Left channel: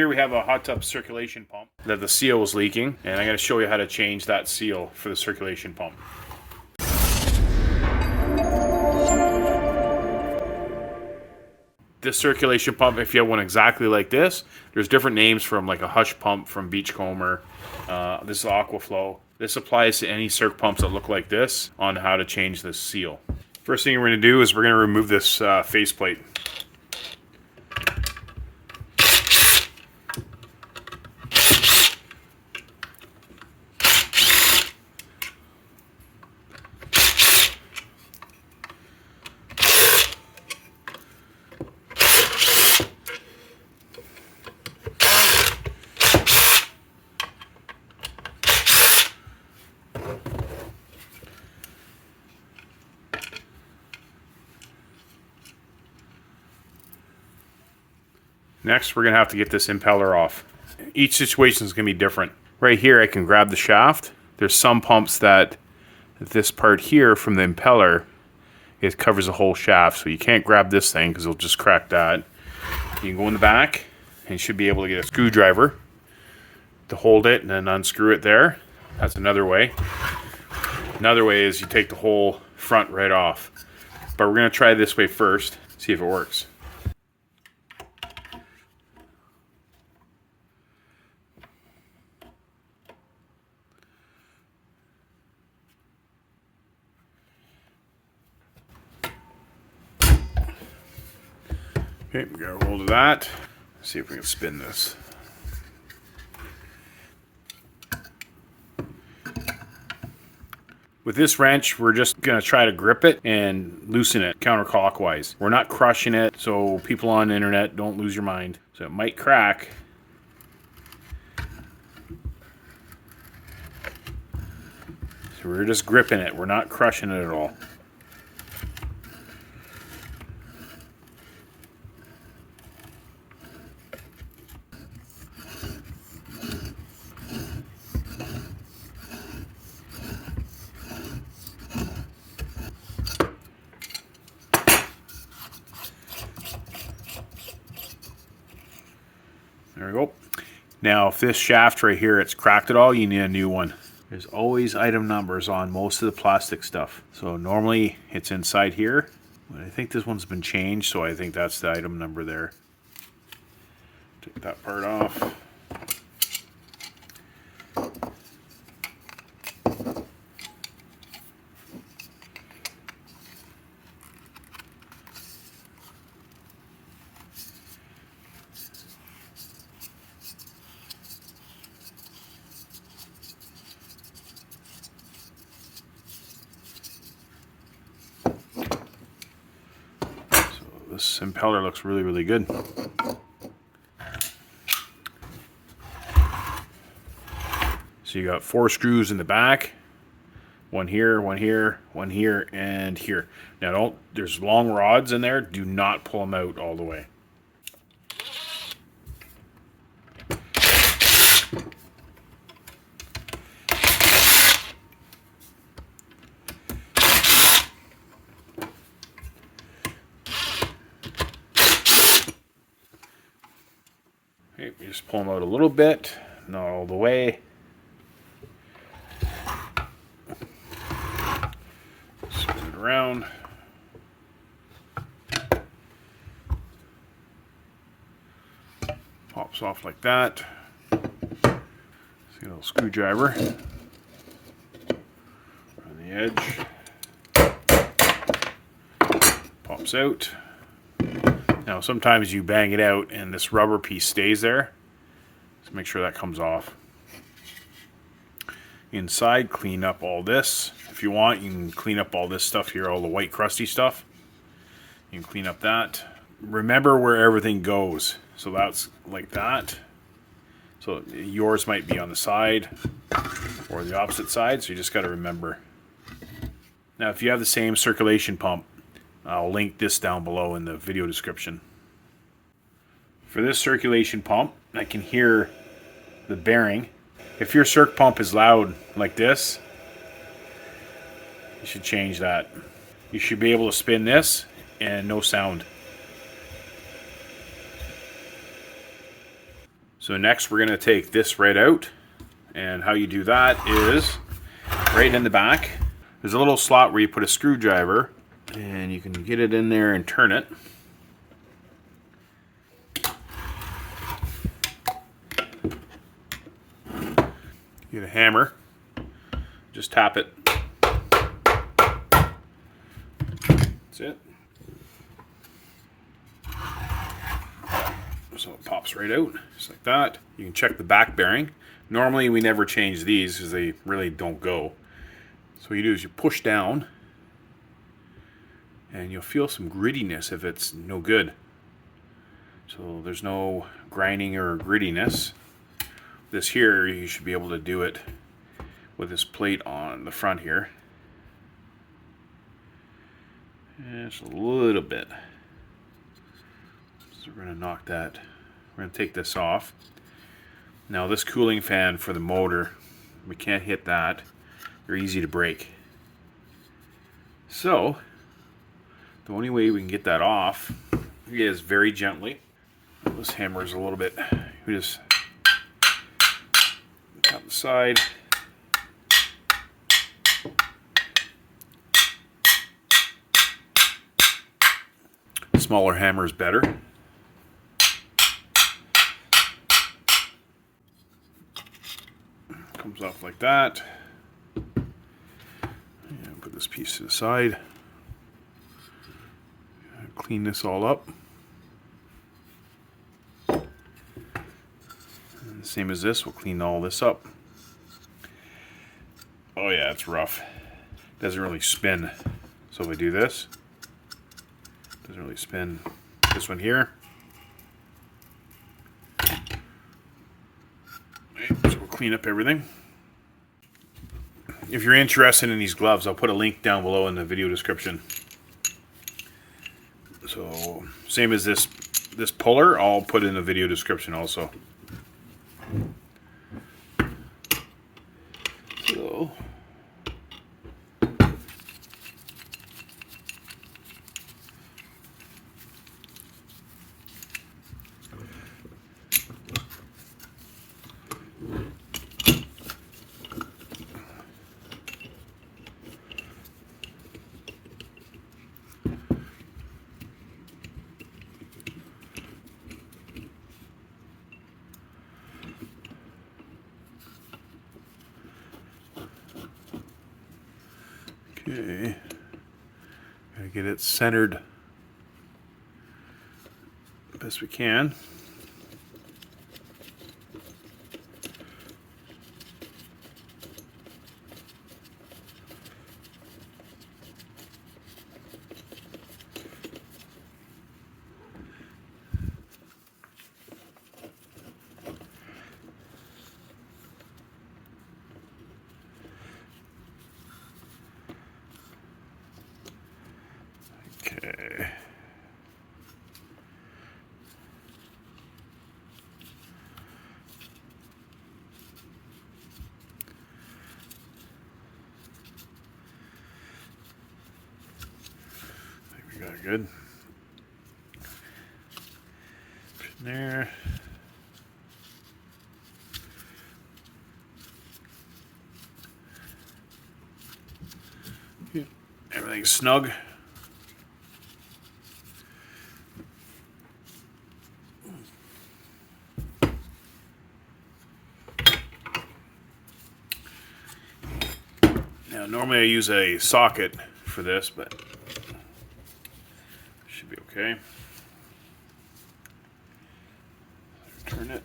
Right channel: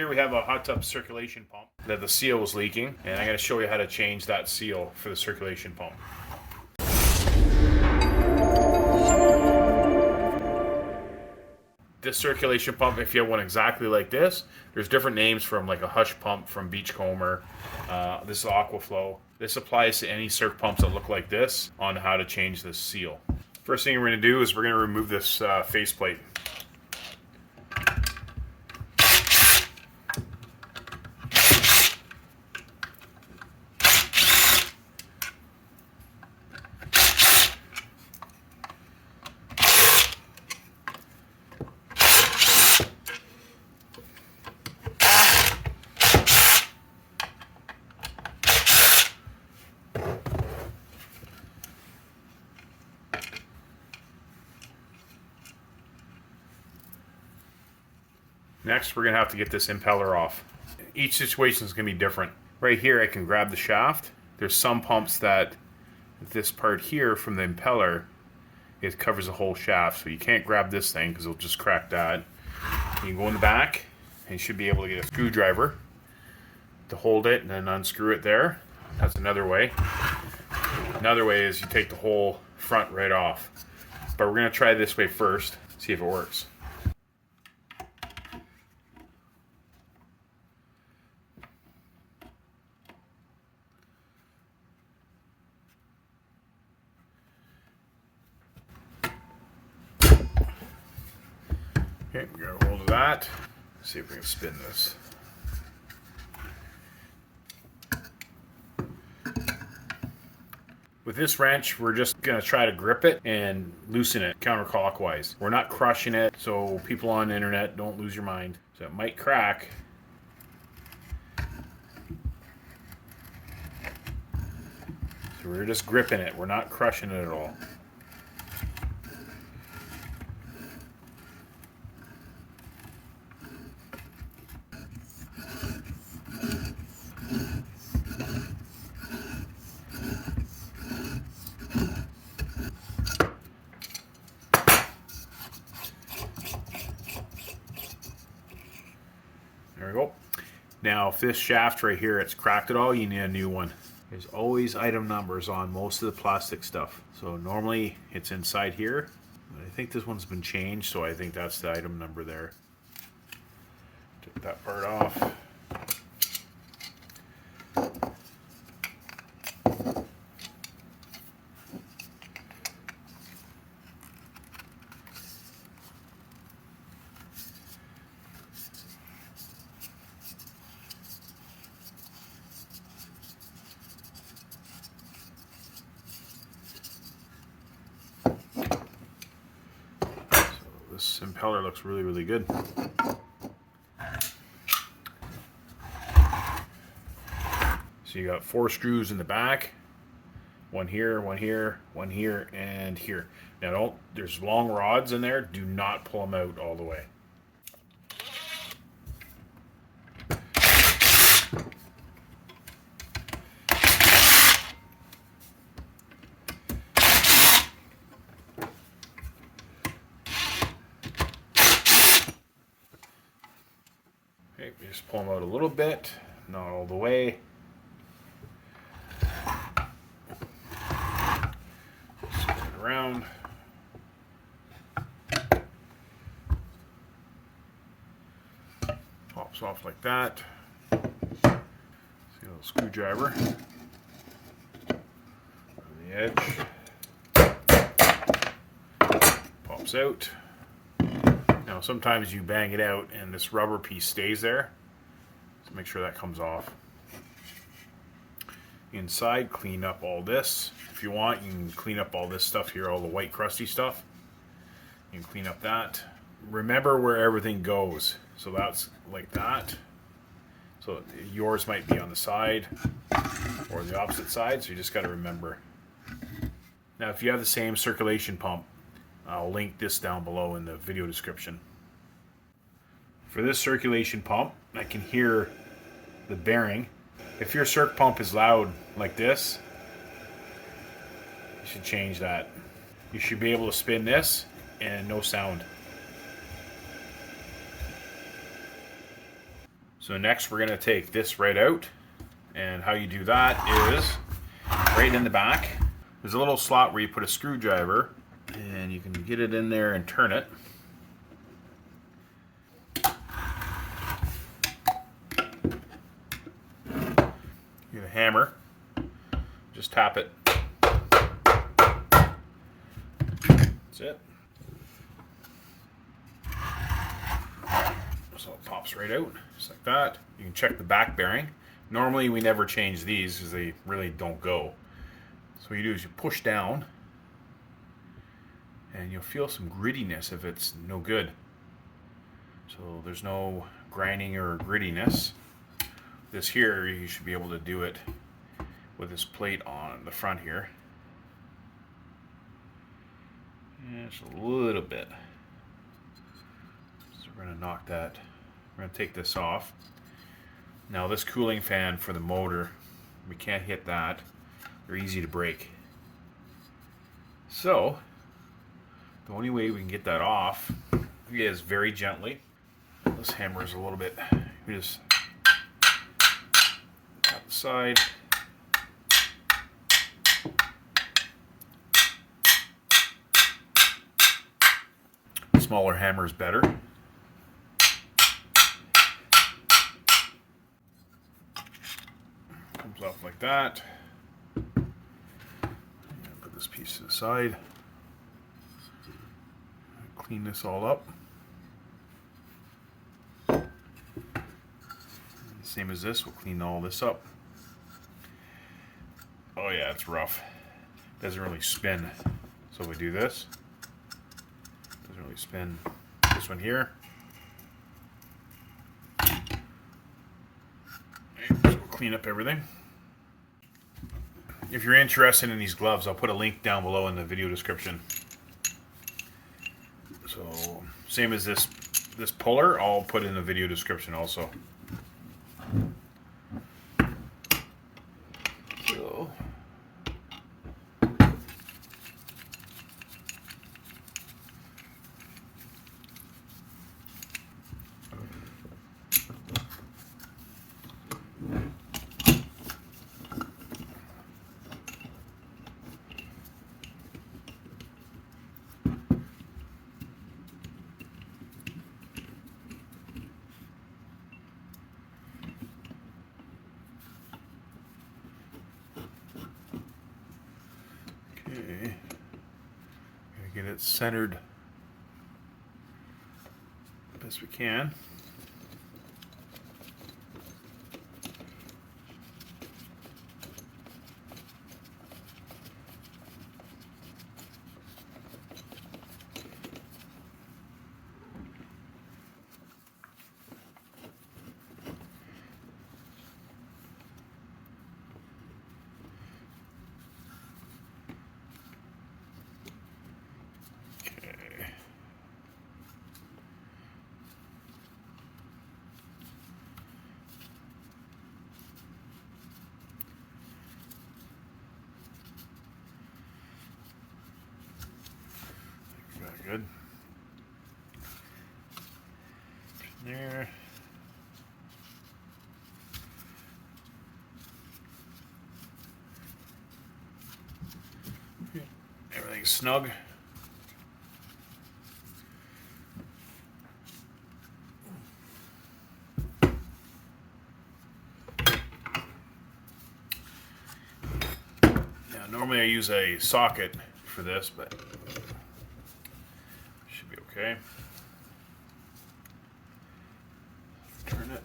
Here we have a hot tub circulation pump that the seal is leaking, and I'm going to show you how to change that seal for the circulation pump. This circulation pump, if you have one exactly like this, there's different names from like a Hush pump from Beachcomber. This is Aquaflow. This applies to any surf pumps that look like this on how to change this seal. First thing we're going to do is we're going to remove this faceplate. Next, we're going to have to get this impeller off. Each situation is going to be different. Right here, I can grab the shaft. There's some pumps that this part here from the impeller, it covers the whole shaft, so you can't grab this thing because it'll just crack that. You can go in the back, and you should be able to get a screwdriver to hold it and then unscrew it there. That's another way. Another way is you take the whole front right off. But we're going to try this way first, see if it works. Okay, we got a hold of that. Let's see if we can spin this. With this wrench, we're just going to try to grip it and loosen it counterclockwise. We're not crushing it, so people on the internet, don't lose your mind. So it might crack. So we're just gripping it. We're not crushing it at all. There we go. Now, if this shaft right here, it's cracked at all, you need a new one. There's always item numbers on most of the plastic stuff. So normally it's inside here, but I think this one's been changed, so I think that's the item number there. Take that part off. This impeller looks really, really good. So you got 4 screws in the back, one here, one here, one here, and here. Now there's long rods in there, do not pull them out all the way. Okay, we just pull them out a little bit, not all the way. Spin it around. Pops off like that. See a little screwdriver on the edge. Pops out. Now sometimes you bang it out and this rubber piece stays there, so make sure that comes off. Inside, clean up all this. If you want, you can clean up all this stuff here, all the white crusty stuff. You can clean up that. Remember where everything goes. So that's like that. So yours might be on the side or the opposite side, so you just got to remember. Now if you have the same circulation pump, I'll link this down below in the video description. For this circulation pump, I can hear the bearing. If your circ pump is loud like this, you should change that. You should be able to spin this and no sound. So next we're going to take this right out, and how you do that is right in the back. There's a little slot where you put a screwdriver, and you can get it in there and turn it. Get a hammer, just tap it. That's it. So it pops right out, just like that. You can check the back bearing. Normally we never change these because they really don't go. So what you do is you push down, and you'll feel some grittiness if it's no good. So there's no grinding or grittiness. This here, you should be able to do it with this plate on the front here. And just a little bit. So we're going to knock that. We're going to take this off. Now this cooling fan for the motor, we can't hit that. They're easy to break. So the only way we can get that off is very gently. This hammer is a little bit, we just tap the side. Smaller hammer is better. Comes off like that. And put this piece to the side. Clean this all up. And same as this, we'll clean all this up. Oh yeah, it's rough. Doesn't really spin. So if we do this, doesn't really spin. This one here. So we'll clean up everything. If you're interested in these gloves, I'll put a link down below in the video description. So same as this puller, I'll put in the video description also. So okay, gotta get it centered best we can. Okay. I think we got it good. There. Everything's snug. Now, normally I use a socket for this, but should be okay. Turn it.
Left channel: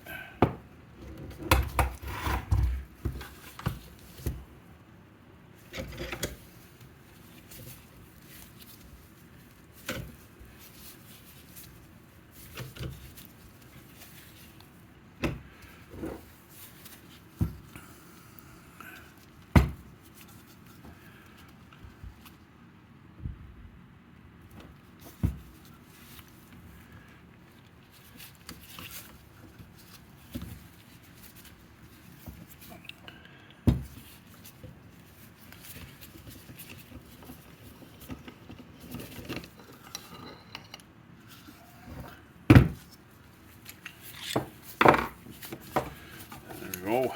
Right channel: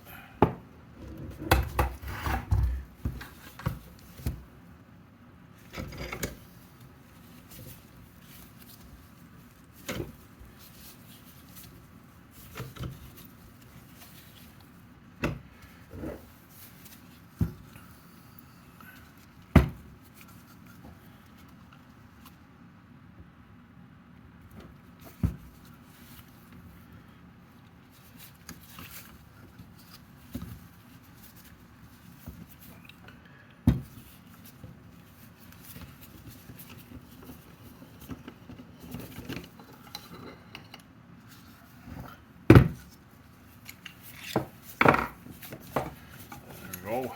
we go.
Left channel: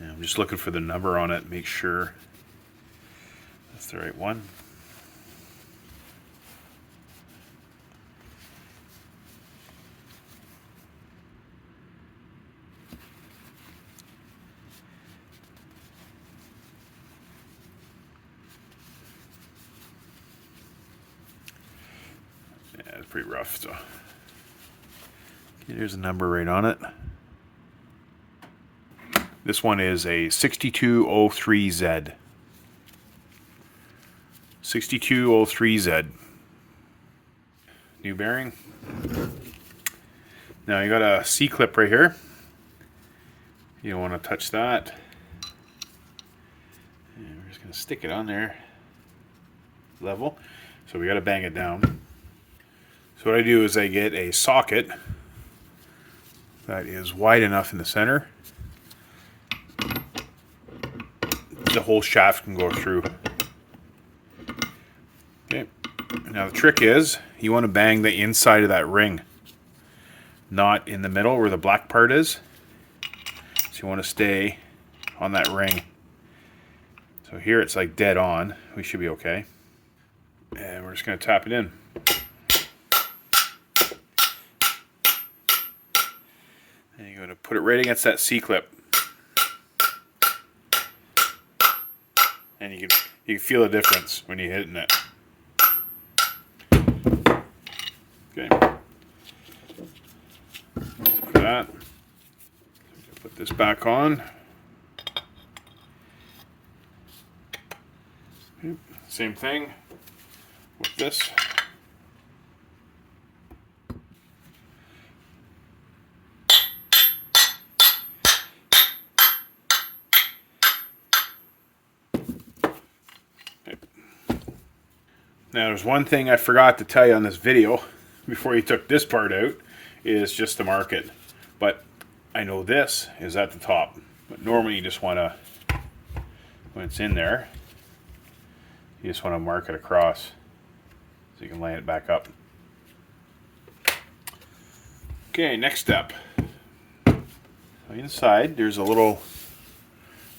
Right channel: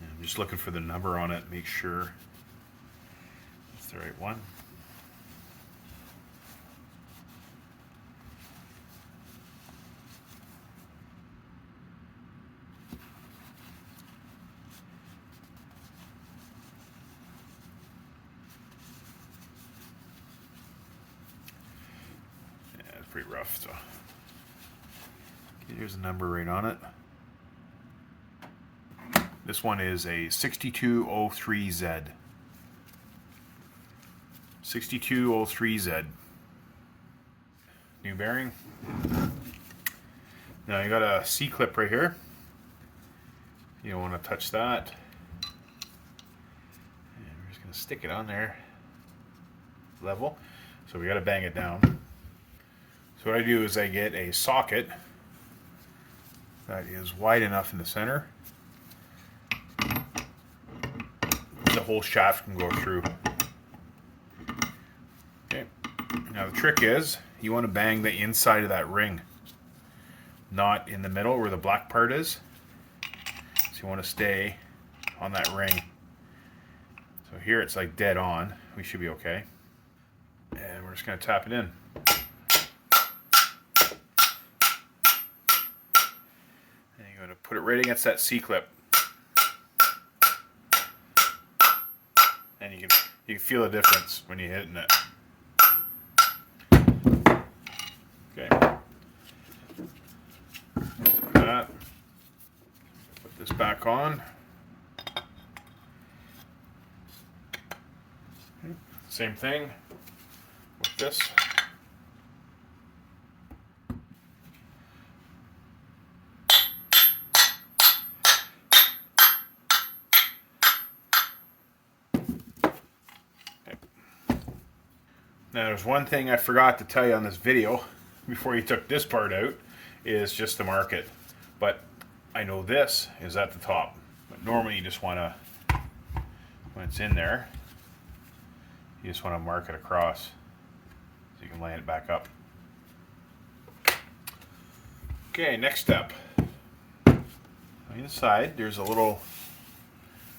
And I'm just looking for the number on it, make sure that's the right one. Yeah, it's pretty rough, so. Okay, there's a number right on it. This one is a 6203Z. 6203Z. New bearing. Now you got a C-clip right here. You don't want to touch that. And we're just going to stick it on there. Level. So we got to bang it down. So what I do is I get a socket that is wide enough in the center. The whole shaft can go through. Okay. Now the trick is you want to bang the inside of that ring, not in the middle where the black part is. So you want to stay on that ring. So here it's like dead on. We should be okay. And we're just going to tap it in. And you're going to put it right against that C-clip. And you can feel the difference when you're hitting it. Okay. So that. Put this back on. Same thing with this. Now there's one thing I forgot to tell you on this video before you took this part out, is just to mark it. But I know this is at the top. But normally you just want to, when it's in there, you just want to mark it across so you can line it back up. Okay, next step. So inside there's a little,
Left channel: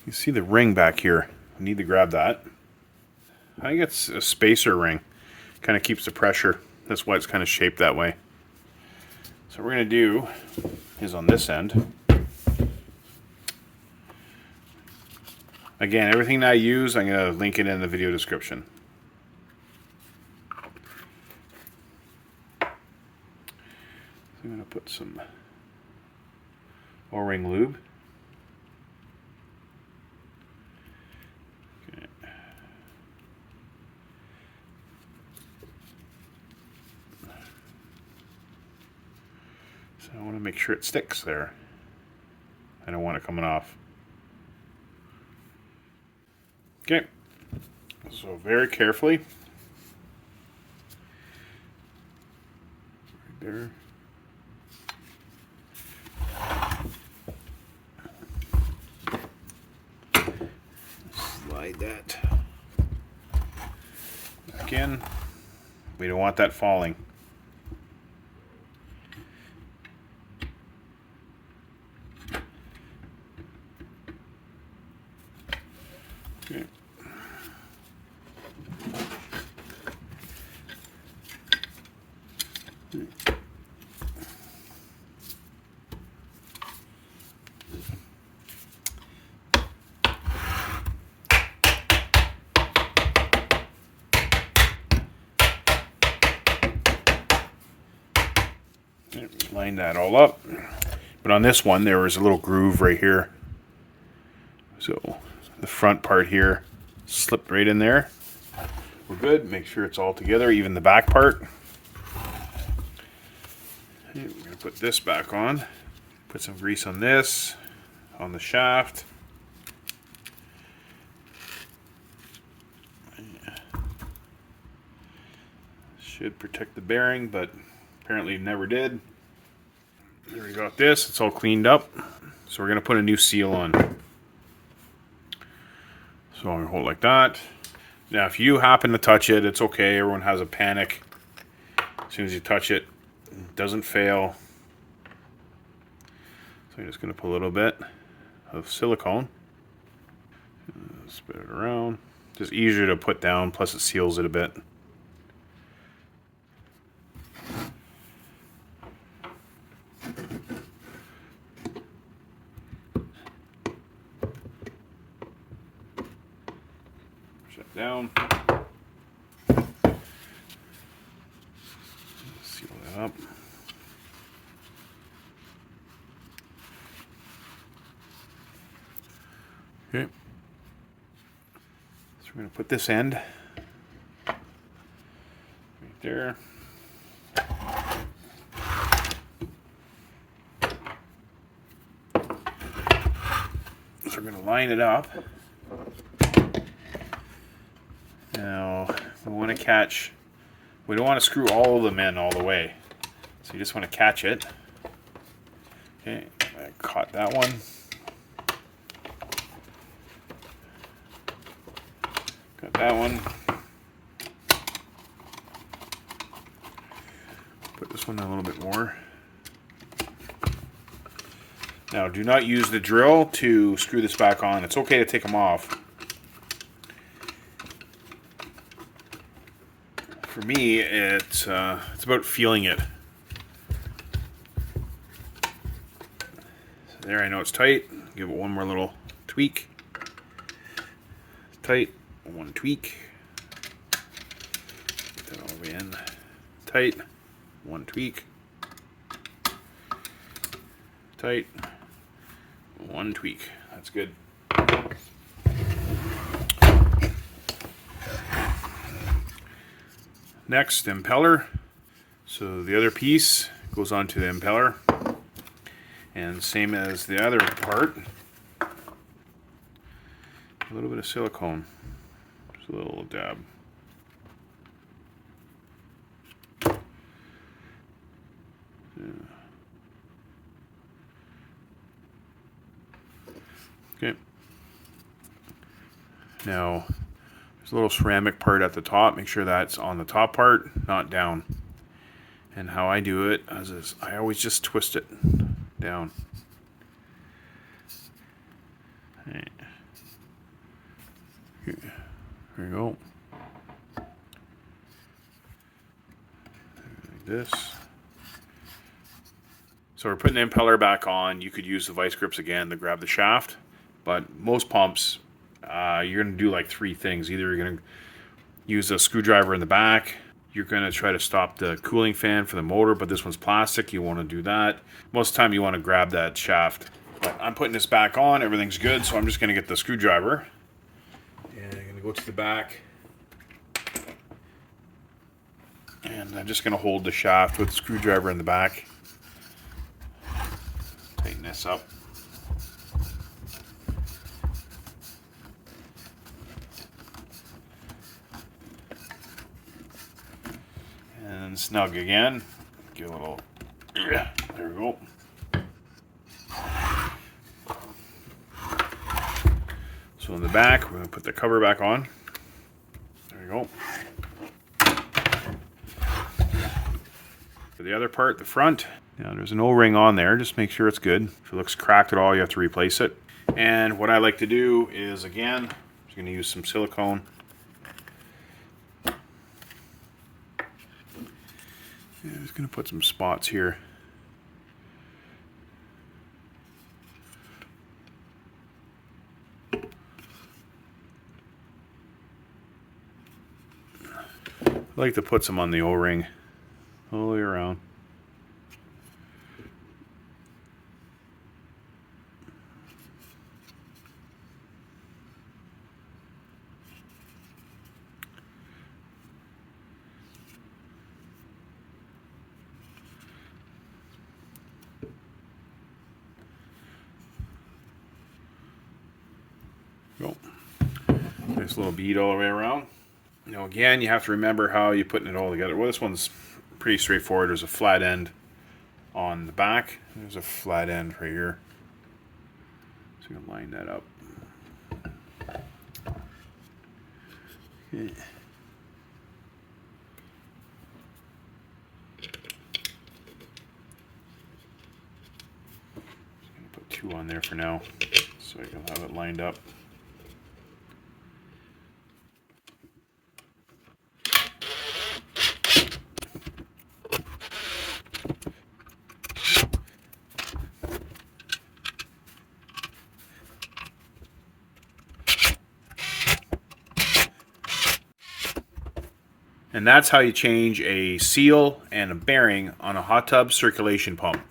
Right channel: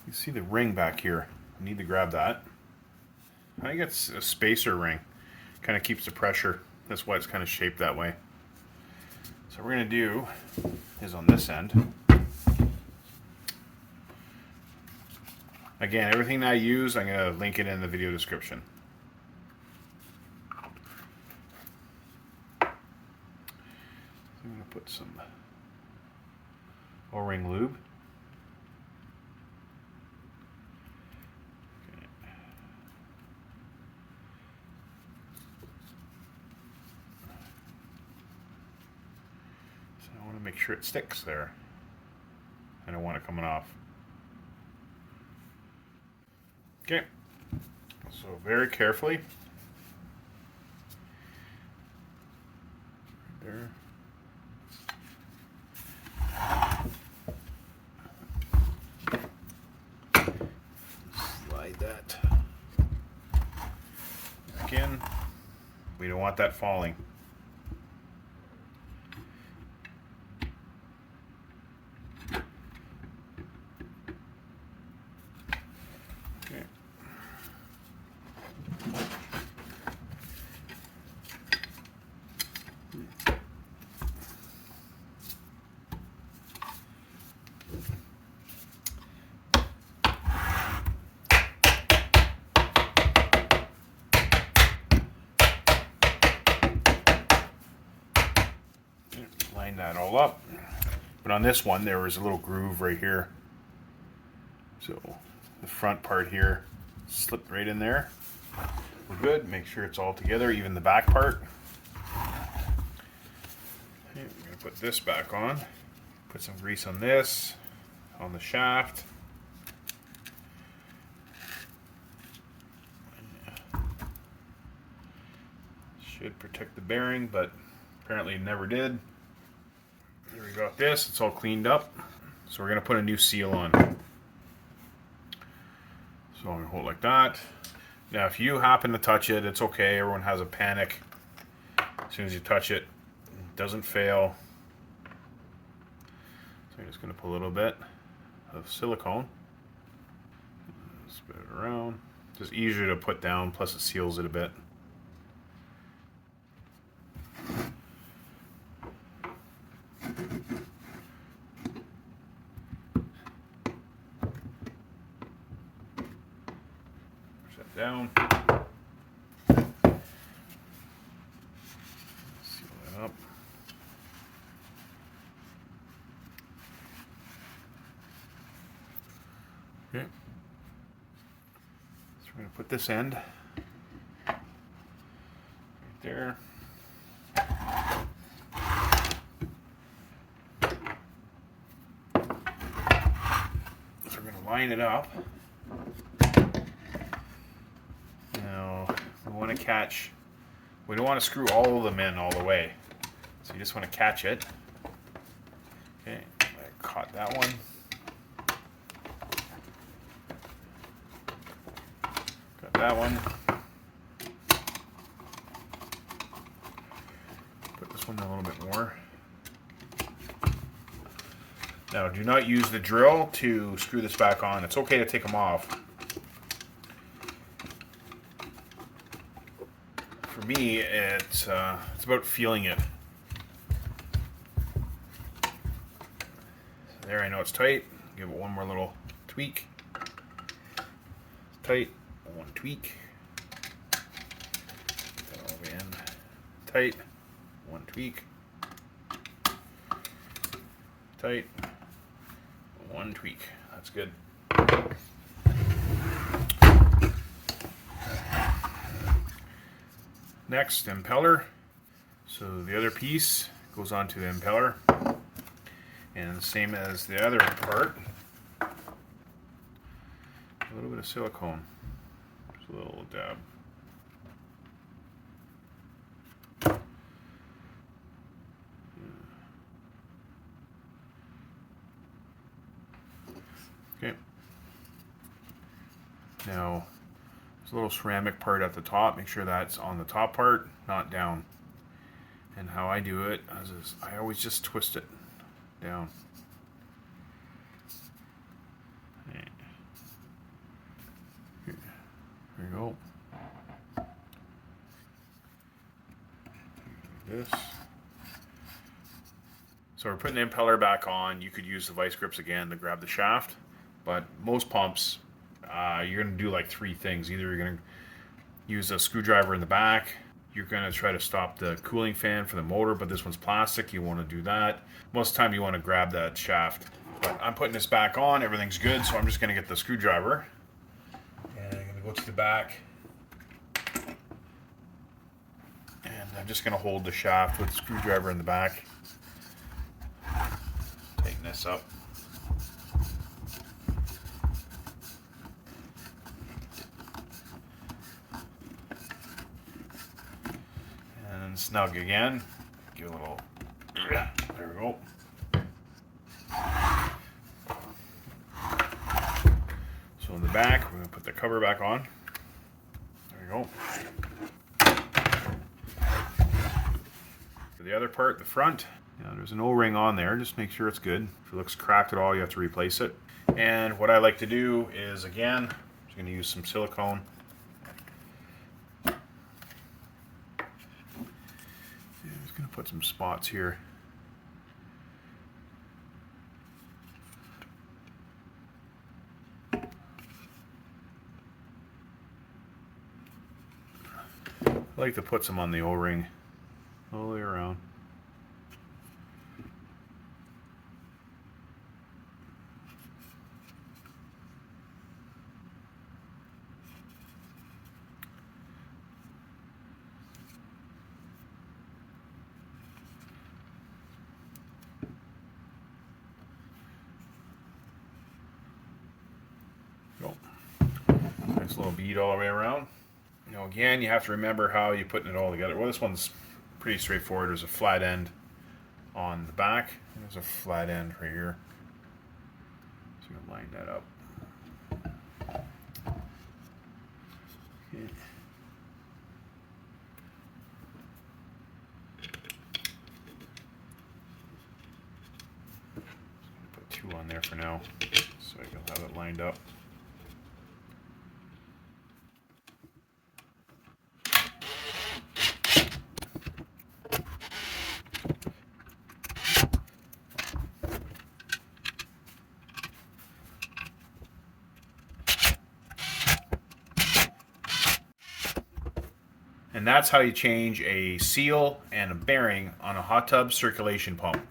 you see the ring back here. You need to grab that. I think it's a spacer ring. Kind of keeps the pressure. That's why it's kind of shaped that way. So what we're going to do is on this end. Again, everything that I use, I'm going to link it in the video description. I'm going to put some O-ring lube. I want to make sure it sticks there. I don't want it coming off. Okay, so very carefully, right there. Slide that back in. We don't want that falling. Okay. Line that all up. But on this one there was a little groove right here. So the front part here slipped right in there. We're good. Make sure it's all together, even the back part. Okay, we're going to put this back on. Put some grease on this, on the shaft. Should protect the bearing, but apparently never did. There we got this. It's all cleaned up. So we're going to put a new seal on. So I'm going to hold it like that. Now if you happen to touch it, it's okay. Everyone has a panic. As soon as you touch it, it doesn't fail. So I'm just going to put a little bit of silicone. Spread it around. Just easier to put down, plus it seals it a bit. Shut down. Seal that up. Okay. So we're going to put this end right there. So we're going to line it up. Now we want to catch, we don't want to screw all of them in all the way. So you just want to catch it. Okay, I caught that one. Got that one. Put this one a little bit more. Now do not use the drill to screw this back on. It's okay to take them off. For me, it's about feeling it. So there, I know it's tight. Give it one more little tweak. Tight. One tweak. Put that all the way in. Tight. One tweak. Tight. One tweak. That's good. Next, impeller. So the other piece goes onto the impeller. And same as the other part. A little bit of silicone. Just a little dab. Okay. Now, there's a little ceramic part at the top. Make sure that's on the top part, not down. And how I do it is I always just twist it down. Right. Here we go. Like this. So we're putting the impeller back on. You could use the vice grips again to grab the shaft, but most pumps, you're going to do like three things. Either you're going to use a screwdriver in the back, you're going to try to stop the cooling fan for the motor, but this one's plastic, you want to do that. Most of the time you want to grab that shaft. But I'm putting this back on, everything's good, so I'm just going to get the screwdriver. And I'm going to go to the back. And I'm just going to hold the shaft with the screwdriver in the back. Tighten this up. And snug again. Give a little, yeah, there we go. So in the back, we're going to put the cover back on. There we go. For the other part, the front, now there's an O-ring on there. Just make sure it's good. If it looks cracked at all, you have to replace it. And what I like to do is, again, I'm going to use some silicone. I'm just going to put some spots here. I like to put some on the O-ring all the way around. Go. Nice little bead all the way around. Now again, you have to remember how you're putting it all together. Well, this one's pretty straightforward. There's a flat end on the back. There's a flat end right here. So you can line that up. Okay. 2 on there for now, so I can have it lined up. And that's how you change a seal and a bearing on a hot tub circulation pump.